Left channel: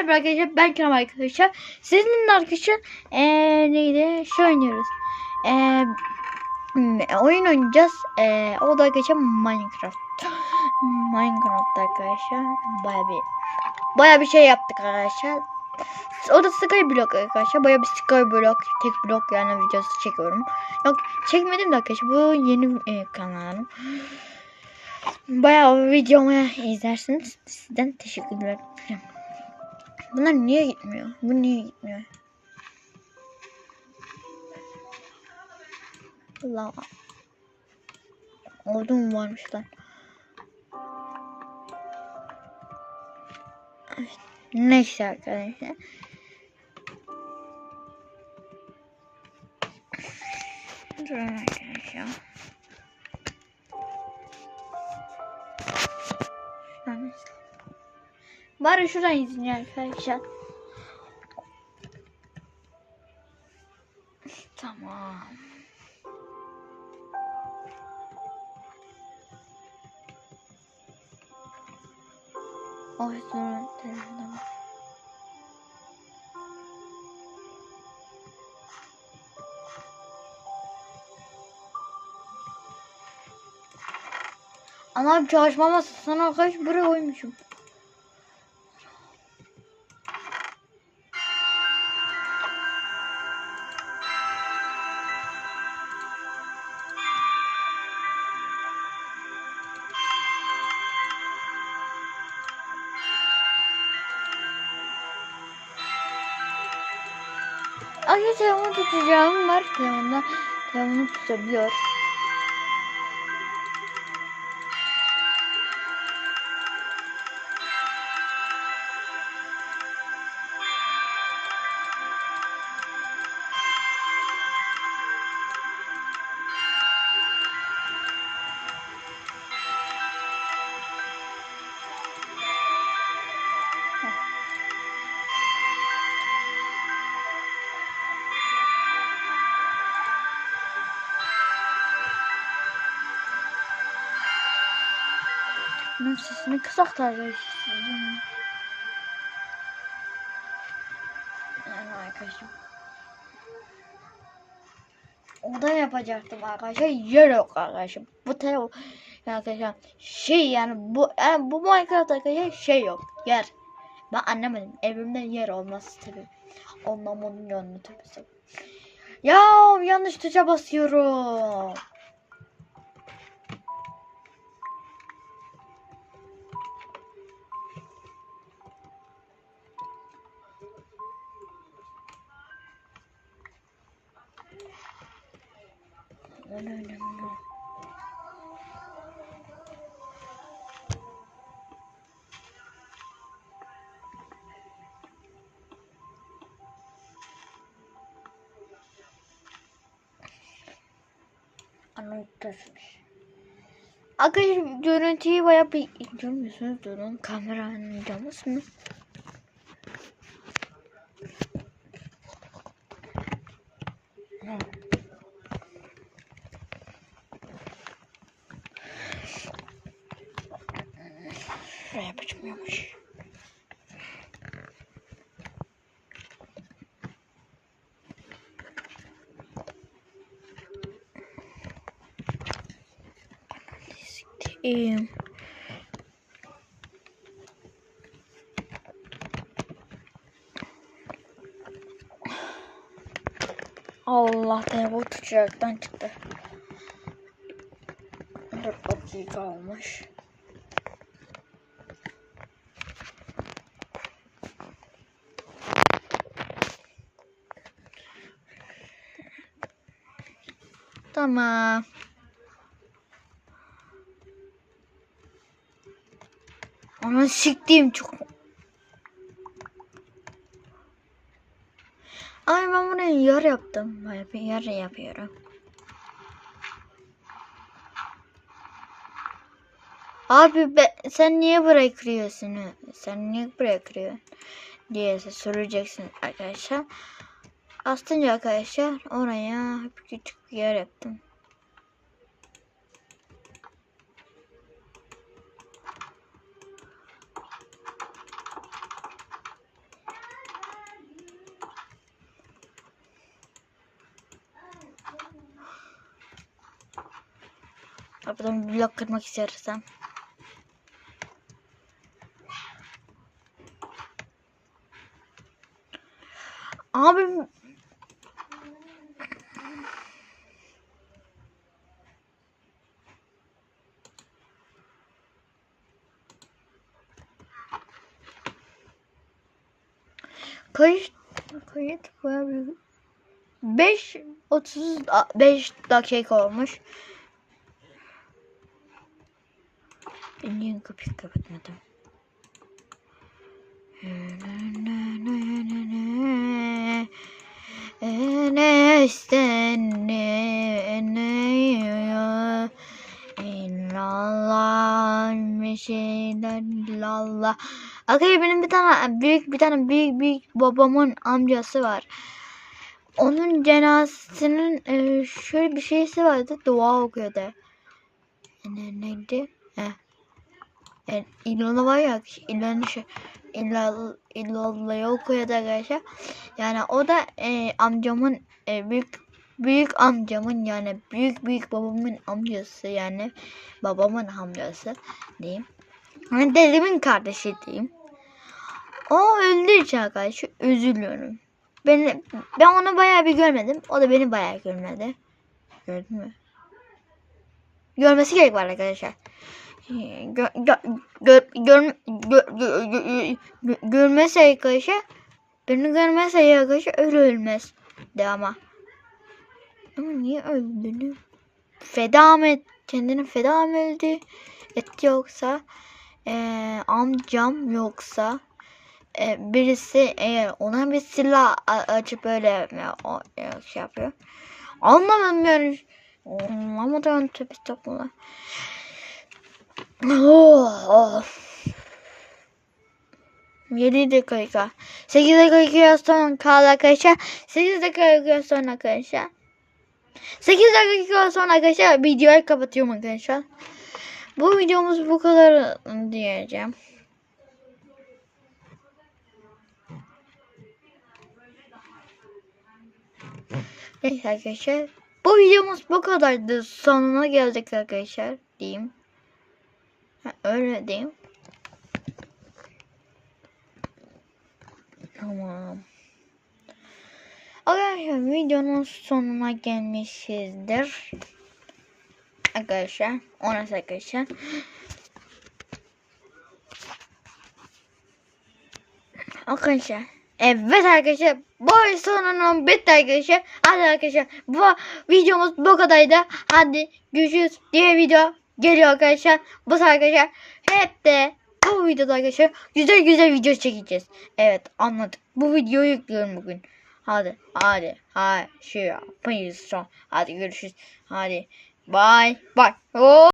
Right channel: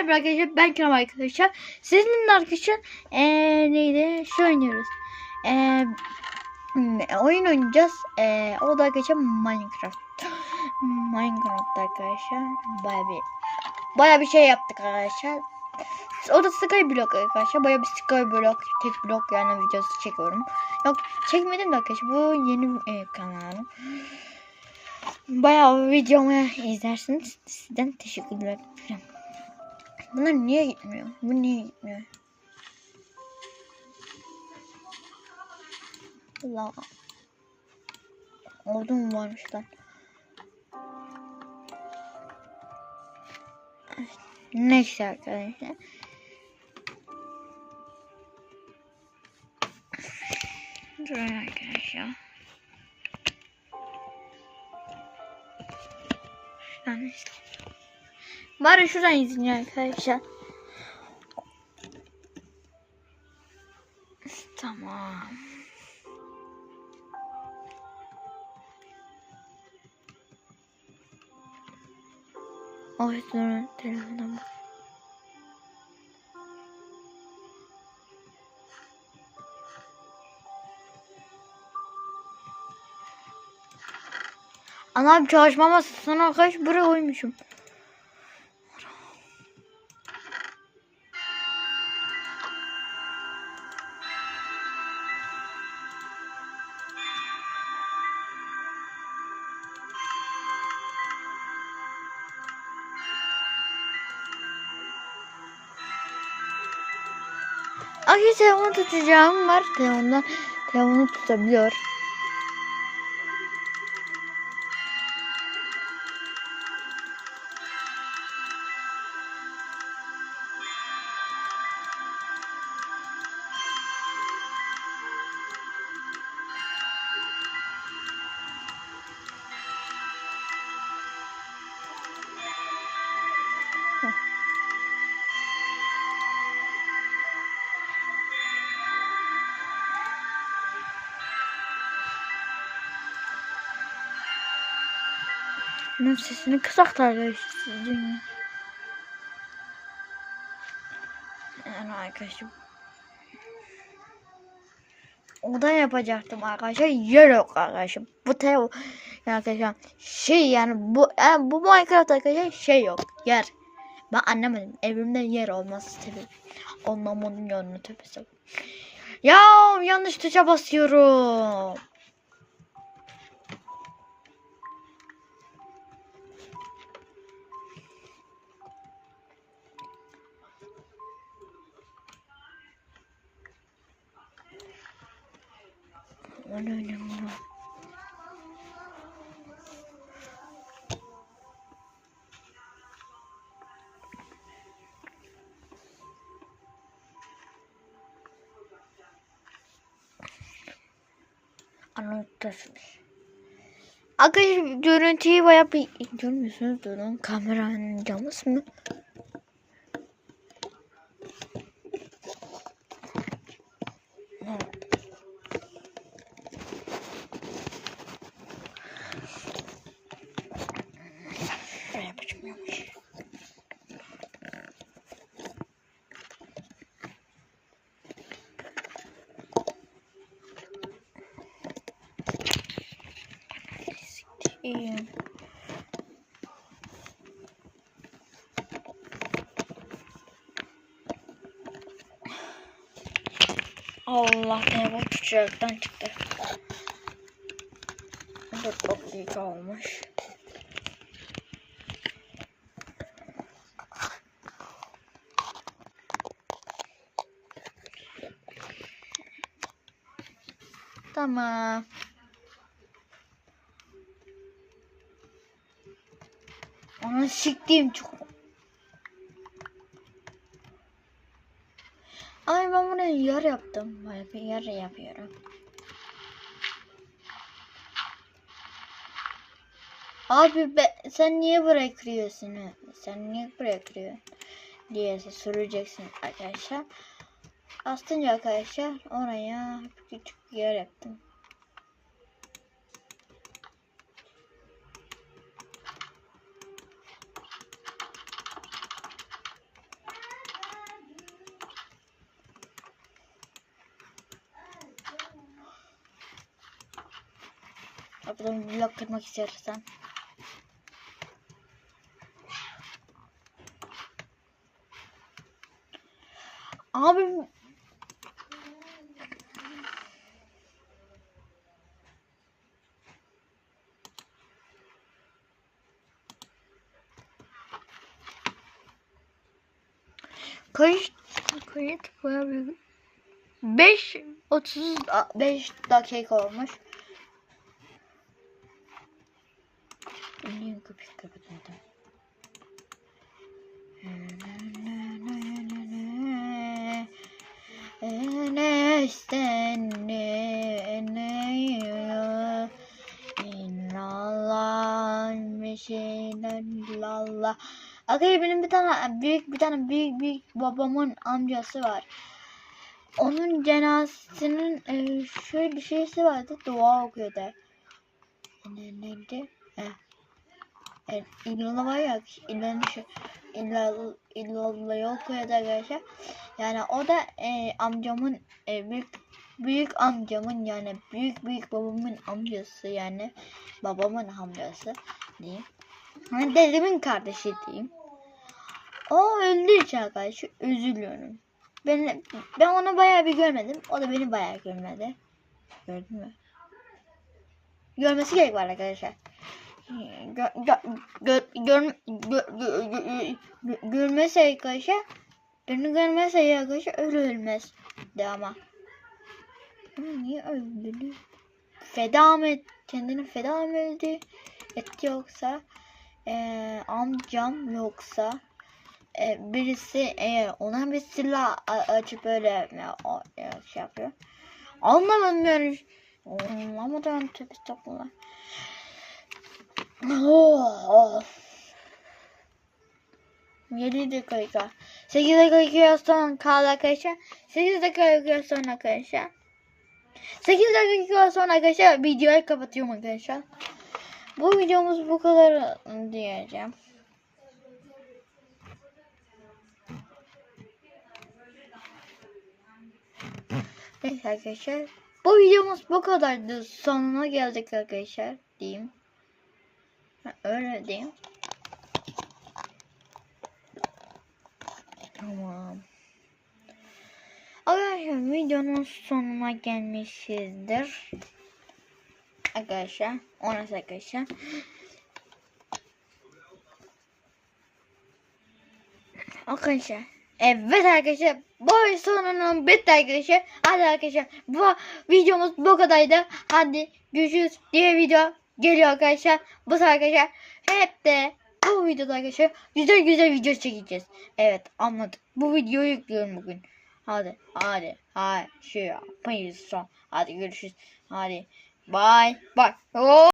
Merhaba arkadaşlar ben Kerem arkadaşlar. Sizinle arkadaşlar eee neydi? Şu oynuyoruz. Eee hmm, oyun oynayacağız. Eee o da arkadaşlar Minecraft. Minecraft arkadaşlar. Baya bir baya bir şey yaptık arkadaşlar. O da Skyblock arkadaşlar. Baya bir Skyblock tek blok yani videosu çekiyorum. Yok çekmedim de arkadaşlar. Bu yeni e, kanalım. Bayağı videomu izlersiniz. Sizden teşekkürler. Bunlar niye gitmiyor? Bu niye gitmiyor? Allah. Orada mı varmış lan? Neyse arkadaşlar. Durun arkadaşlar. Bari şuradan izleyin arkadaşlar. Tamam. O yüzden telefonum. Anam çalışma masasına arkadaş buraya koymuşum. Ay telefonu tutacağım var. Telefonda telefonu tutabiliyor. Bunun sesini kısak da arkadaşlar. Yani arkadaşım. Oda yapacaktım arkadaşlar. Yer yok arkadaşlar. Bu yani arkadaşlar şey yani bu e, bu Minecraft arkadaşlar şey yok. Yer. Ben anlamadım. Evimde yer olması tabii. Bunun yanına tabii. Ya yanlış tuşa basıyorum. Öyle önemli. Anlatırsınız. Arkadaşlar görüntüyü bayağı bir görmüyorsunuz. Durun kameranın camısı mı? Şöyle yapacağımmış. İyiyim. Allah bu çocuktan çıktı. 4 dakika olmuş. Tamam. Ama siktiğim çok. Ay ben bunu yar yaptım. Bir yar yapıyorum. Abi be, sen niye burayı kırıyorsun? Sen niye burayı kırıyorsun? diye soracaksın arkadaşlar. Aslında arkadaşlar oraya küçük bir yer yaptım. Kapıdan blok kırmak istersem. Abi Kayıt kayıt bayağı büyük. 5 35 dakika olmuş. Ben niye kapıyı kapatmadım? Ne isteniyor? İllallah bir şeyler illallah. Arkadaşlar benim bir tane büyük bir tane büyük büyük babamın amcası var. Onun cenazesinin e, şöyle bir şeysi vardı. Dua okuyordu. Ne, neydi? Heh. E, İlhan'ı var ya İlhan'ı şey İlhan, İlhan'ı okuyordu arkadaşlar. Yani o da e, amcamın e, büyük büyük amcamın yani büyük büyük babamın amcası yani babamın amcası diyeyim. Yani dedemin kardeşi diyeyim. O için arkadaşlar üzülüyorum. Ben, ben onu bayağı bir görmedim. O da beni bayağı görmedi. Gördün mü? Görmesi gerek var arkadaşlar. Gö, gö, gö, gör, gö, gö, gö, gö, görmezse arkadaşlar beni görmezse arkadaşlar öyle ölmez de ama. Ama niye öldüğünü? Feda mı et, kendini feda mı? Etti yoksa eee, amcam yoksa e, birisi eğer ona bir silah açıp öyle e, o, e, şey yapıyor. Anlamadım yani. Anlamadım tabi estağfurullah. Oh, oh. 7 dakika. 8 dakika sonra arkadaşlar. 8 dakika sonra arkadaşlar. 8 dakika sonra arkadaşlar videoyu kapatıyorum arkadaşlar. Bu videomuz bu kadar diyeceğim. Neyse arkadaşlar. Bu videomuz bu kadardı. Sonuna geldik arkadaşlar. Diyeyim. Ha, öyle diyeyim. Tamam. Arkadaşlar videonun sonuna gelmişizdir. Arkadaşlar. Orası arkadaşlar. Arkadaşlar. Evet arkadaşlar. Bu sonunun bitti arkadaşlar. Hadi arkadaşlar. Bu videomuz bu kadardı. Hadi görüşürüz. Diğer video geliyor arkadaşlar. Bu arkadaşlar. Hep de bu videoda arkadaşlar güzel güzel video çekeceğiz. Evet anladık. Bu videoyu yüklüyorum bugün. Hadi hadi hadi şey yapmayız son. Hadi görüşürüz. Hadi bye bye. Oh.